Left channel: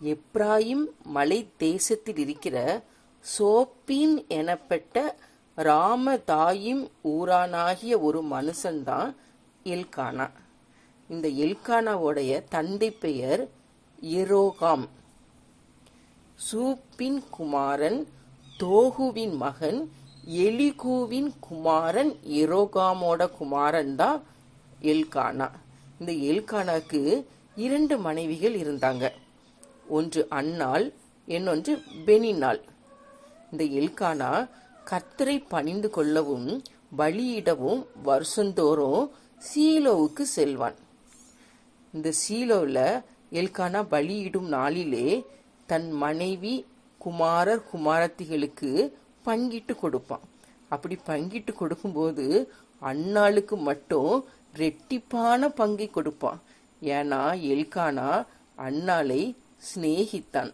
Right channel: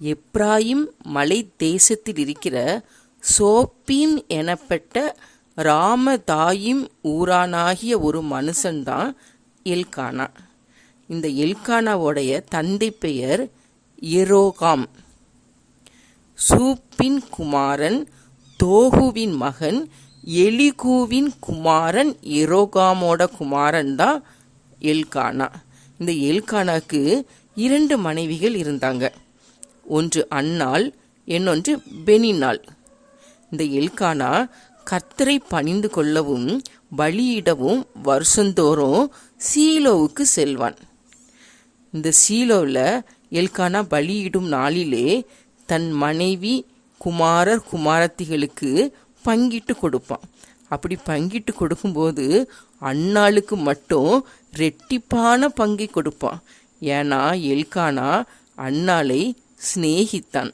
எப்ராயிம் மலை தேசத்தில் இருக்கிற சோப்பீம் எனப்பட்ட ராமதாயிம் ஊரானாகிய ஒரு மனுஷன்தான் எல்கானா. இந்த எல்கானாவோடைய தந்தை பெயர் எரோகாம். சூப்பின் குமாரன் தோகுவின் மகன் எலிகூவின் குமாரன் எரோகாமோட குமாரன் தான் எல்கானா. இந்த எல்கானாக்கு 2 மனைவிகள் இருந்தாங்க. ஒன்று அன்னாள், இன்னொன்று பெனினாள். இந்த எல்கானா கர்த்தரை பணிந்து கொள்ளவும் பலியிடவும் வருஷந்தோறும் சீலோவுக்கு செல்வான். இந்த சீலோவில் எல்கானா பலியிடும் நாளிலே தன் மனைவி குமாரர் குமாரத்திகளுக்கு பங்கிட்டு கொடுப்பான். அப்படி பங்கிட்டு கொடுக்கும்போது அன்னாளுக்கு மட்டும் ரெட்டிப்பான பங்கை கொடுப்பான். ஏன்னா எல்கானா அன்னாளை சிநேகித்தான்.